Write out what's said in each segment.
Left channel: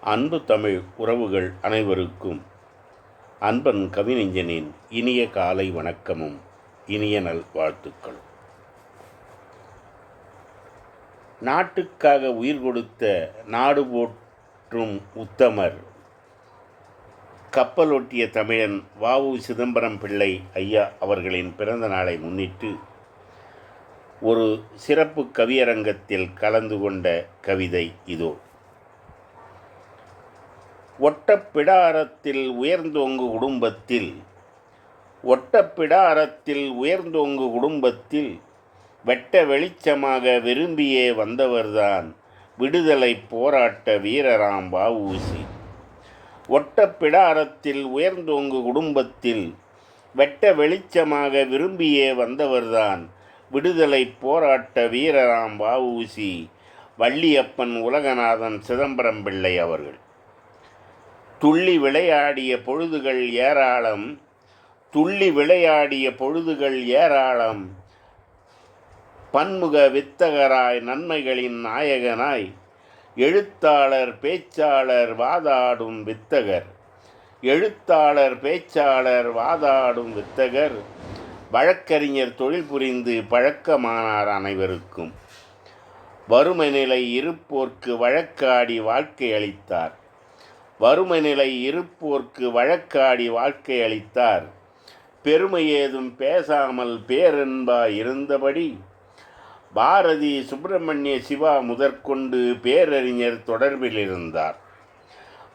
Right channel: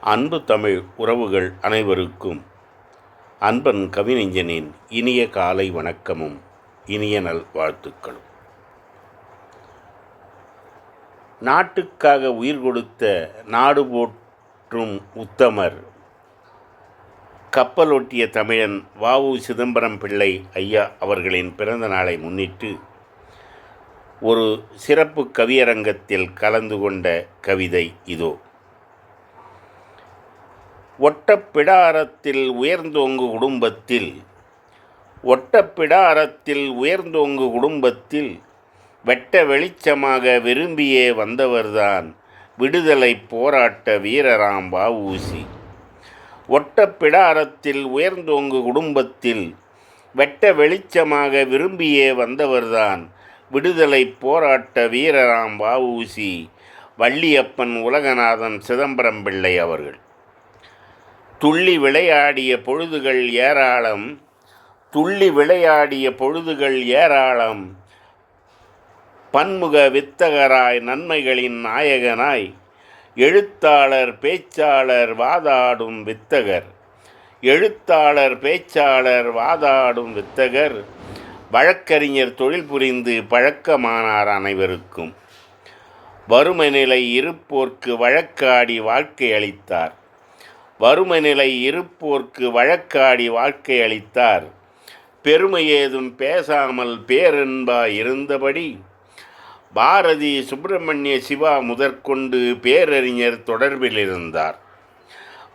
அன்பு தமிழ் உறவுகள் அனைவருக்கும் அன்பன் கவிஞனின் இனிய காலை வணக்கமும் இனிய நல் வாழ்த்துக்களும். நாட்டுக்காக உயிர் கொடுத்த நாடு போற்றும் உத்தமர் கப்பலொட்டிய தமிழன் வாவு சிதம்பரம் பிள்ளை ஐயா அவர்களின் பிறந்த நாளை முன்னிட்டு ஒரு சிறப்பு கவியரங்கத்தில் கலந்து கொண்ட கவிதை இதோ. ஒட்டப்பிடாரத்தில் உயர்ந்தோங்கு குடும்பத்தில் ஒட்டப்பிடாரத்தில் உயர்ந்தோங்கு குடும்பத்தில் வெட்ட வெளிச்சமாக விரும்பியே வந்தவர்தான் விடுதலை போராட்ட வீரராம் வஉசி ஒட்டப்பிடாரத்தில் உயர்ந்தோங்கு குடும்பத்தில் வெட்ட வெளிச்சமாக விரும்பியே வந்தவர்தான் விடுதலை போராட்ட வீரராம் வஉசி வள்ளியப்பன் உலகநாதன் சிதம்பரம் பிள்ளை அவர்கள். துள்ளி விளையாடிய பொழுதுகள் ஏராளம் துள்ளி விளையாடிய பொழுதுகள் ஏராளம். பன்முக வித்தகராய் நன்மைகளின் நாயகனாய் எழுத்தாளர் பேச்சாளர் வாதாடும் வித்தகர். எழுத்தாளர் பேச்சாளர் வாதாடும் வித்தகர் வழக்கறிஞர் தொழில் புரிந்து பழக்கமானார் அனைவருக்கும். வறுமை நிலை இருப்போர்க்கு வழக்காடி வாழ்க்கை அளித்தார். வறுமை நிலை இருப்போர்க்கு வழக்காடி வாழ்க்கை அளித்தார். பெருமை ஏதும் பேசாமல் பேரன்பா இருந்தபடி பாரதி சுப்பிரமணிய சிவா முதற்கொண்டு பேரறிஞர் தொடர்பில் இருந்தார்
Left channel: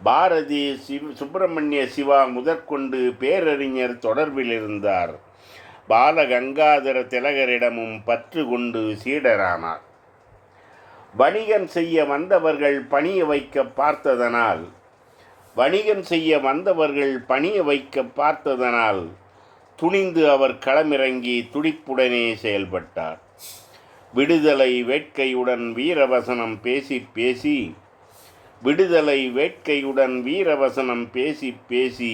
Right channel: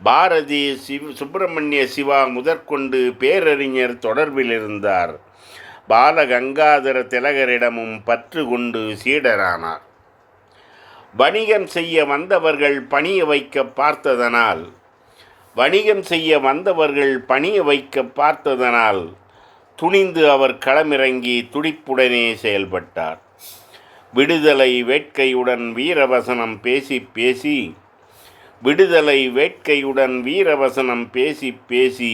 பாரதி சிவ் சுப்பிரமணிய சிவா முதற்கொண்டு பேரறிஞர் தொடர்பில் இருந்தார் பாலகங்காதர திலகரிடமும் பற்று கொண்டு சீடரானார். வணிகம் செய்ய வந்தவர்கள் பணிய வைக்க பார்த்ததனால் வணிகம் செய்ய வந்தவர்கள் பணிய வைக்க பார்த்ததனால் துணிந்து அவர் களமிறங்கி துடிப்புடனே செயல்பட்டார். விடுதலை வேட்கையுடன் வீரவசனம் பேசி பேசி விடுதலை வேட்கையுடன் வீரவசனம் பேசி பேசி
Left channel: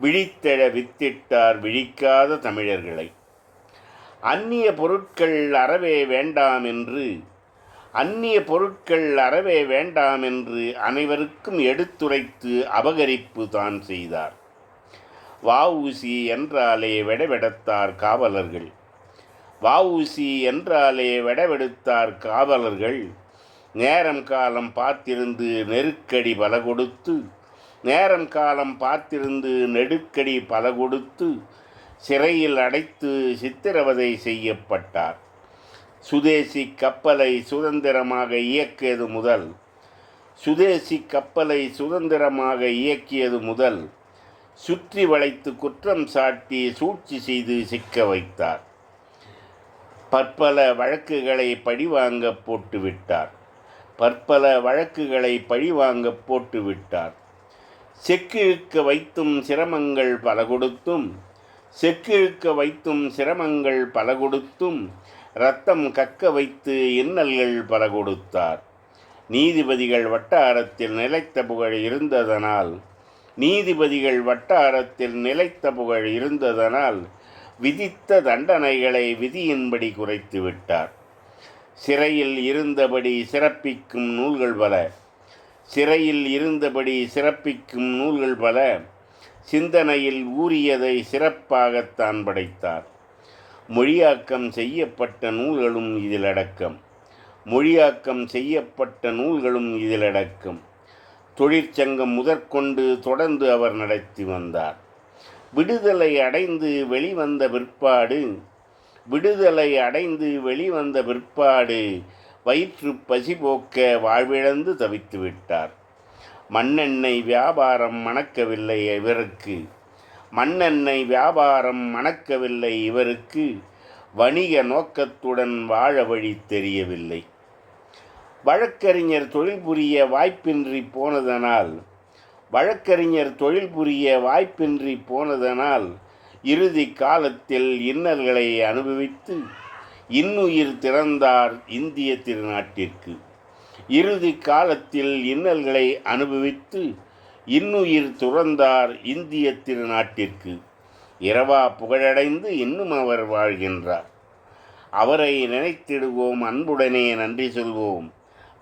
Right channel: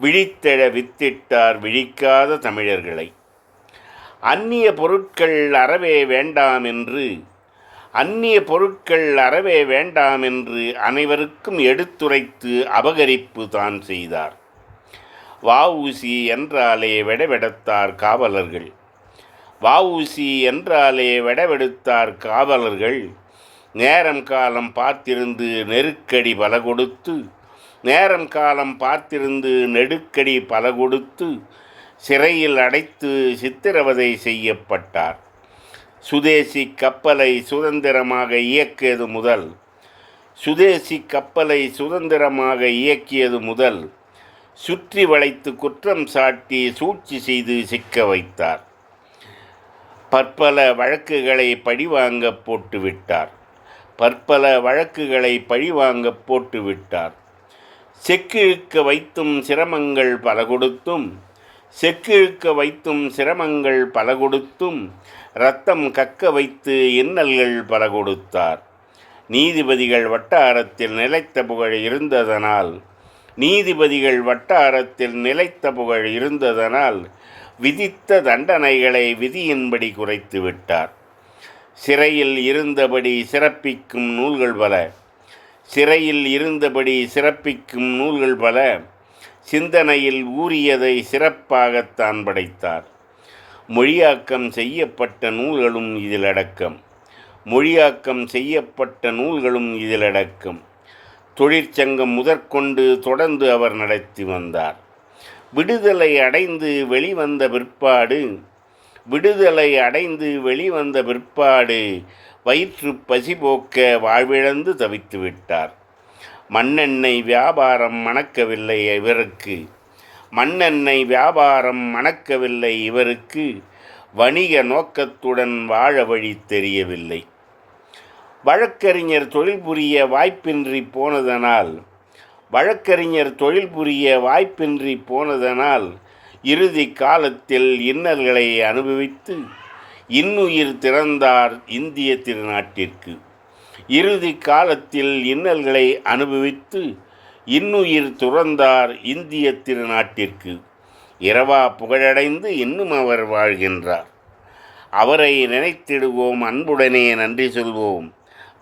விழித்தெழ வித்திட்டார் விழிக்காத தமிழர்களை. அந்நிய பொருட்கள் அறவே வேண்டாம் என்று அந்நிய பொருட்கள் அறவே வேண்டாம் என்று அனைவருக்கும் எடுத்துரைத்து அபகரிப்பு தான் செய்தார். வஉசி என்றாலே வெடவெடுத்தார் காவலர்கள். வஉசி என்றாலே வெடவெடுத்தார் காவலர்கள். நேரம் காலம் பார்த்திருந்து நெருக்கடி பல கொடுத்து நேரம் காலம் பார்த்திருந்து நெருக்கடி பல கொடுத்து சிறையில் அடைத்து சித்திரவதை செய்யப்பட்டார். சுதேசி கப்பலை சுதந்திரமாக இயக்கியது முதல். சுதேசி கப்பலை சுதந்திரமாக இயக்கியது முதல் சுற்றி வளைத்து குற்றம் சாட்டி சூழ்ச்சி செய்து சிக்க வைத்தார். பற்பல வழக்குகளை பழிவாங்க போட்டுவிட்டார் பற்பல வழக்குகளை பழிவாங்க போட்டுவிட்டார் செக்கிழுக்க வைத்தும் சிரமங்கள் பல கொடுத்தும் செக்கிழுக்க வைத்தும் சிரமங்கள் பல கொடுத்தும் ரத்தம் கக்க வைத்து இன்னல்கள் பல கொடுத்தார் நீதிபதிகள் வட்டாரத்தில் நிலைத்த புகழ் இருந்ததனால் நீதிபதிகள் வட்டாரத்தில் நிலைத்த புகழ் இருந்ததனால் விதித்த தண்டனைகளை விதியின்படி குறைத்து விட்டார். சிறையில் இருந்தபடி சிறப்பிக்கும் நூல்கள் பல சிறையில் இருந்தபடி சிறப்பிக்கும் நூல்கள் பல சிந்தனையில் ஊறியதை சிறப்பாகத்தான் படைத்தார். மொழியாக்கம் செய்யப்பட்ட நூல்களும் இதில் அடக்கம் மொழியாக்கம் செய்யப்பட்ட நூல்களும் இதில் அடக்கம் தொழிற்சங்கம் முதற்கொண்டு தொடர்ந்து அவர் நடத்தி வந்தார். விடுதலை அடைந்து வெளிவந்த பிற்பாடு விடுதலை அடைந்து வெளிவந்த பிற்பாடு வயிற்று பசி போக்க வாழ்விழந்து தவித்து விட்டார் மண்ணெண்ணெய் வியாபாரம் மணக்கவில்லை இவருக்கு. மண்ணெண்ணெய் வியாபாரம் மணக்கவில்லை இவருக்கு. வணிக நோக்கத்துடன் வாழ வழி தெரியவில்லை. வழக்கறிஞர் தொழில் புரிய வாய்ப்பின்றி போனதனால் வழக்கறிஞர் தொழில் புரிய வாய்ப்பின்றி போனதனால் இறுதி காலத்தில் இன்னல்களை அனுபவித்து இன்னுயிர் திறந்தார் இந்திய திருநாட்டிற்கு. இறுதி காலத்தில் இன்னல்களை அனுபவித்து இன்னுயிர் துறந்தார் இந்திய திருநாட்டிற்கு. இரவா புகழடைந்து இன்னும் அவர் வாழ்கின்றார். அவரை நினைத்திடுவோம் அன்புடனே நன்றி சொல்வோம்.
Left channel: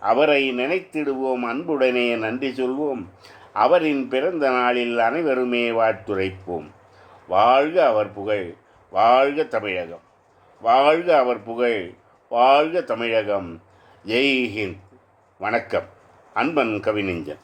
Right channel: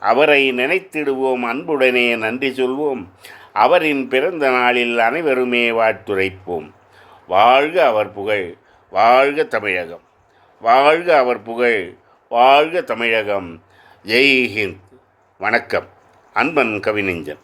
அவரை நினைத்திடுவோம் அன்புடனே நன்றி சொல்வோம். அவரின் பிறந்த நாளில் அனைவருமே வாழ்த்துரைப்போம். வாழ்க அவர் புகழ் வாழ்க தமிழகம். வாழ்க அவர் புகழ் வாழ்க தமிழகம். ஜெய்ஹிந்த் வணக்கம். அன்பன் கவிநெஞ்சன்.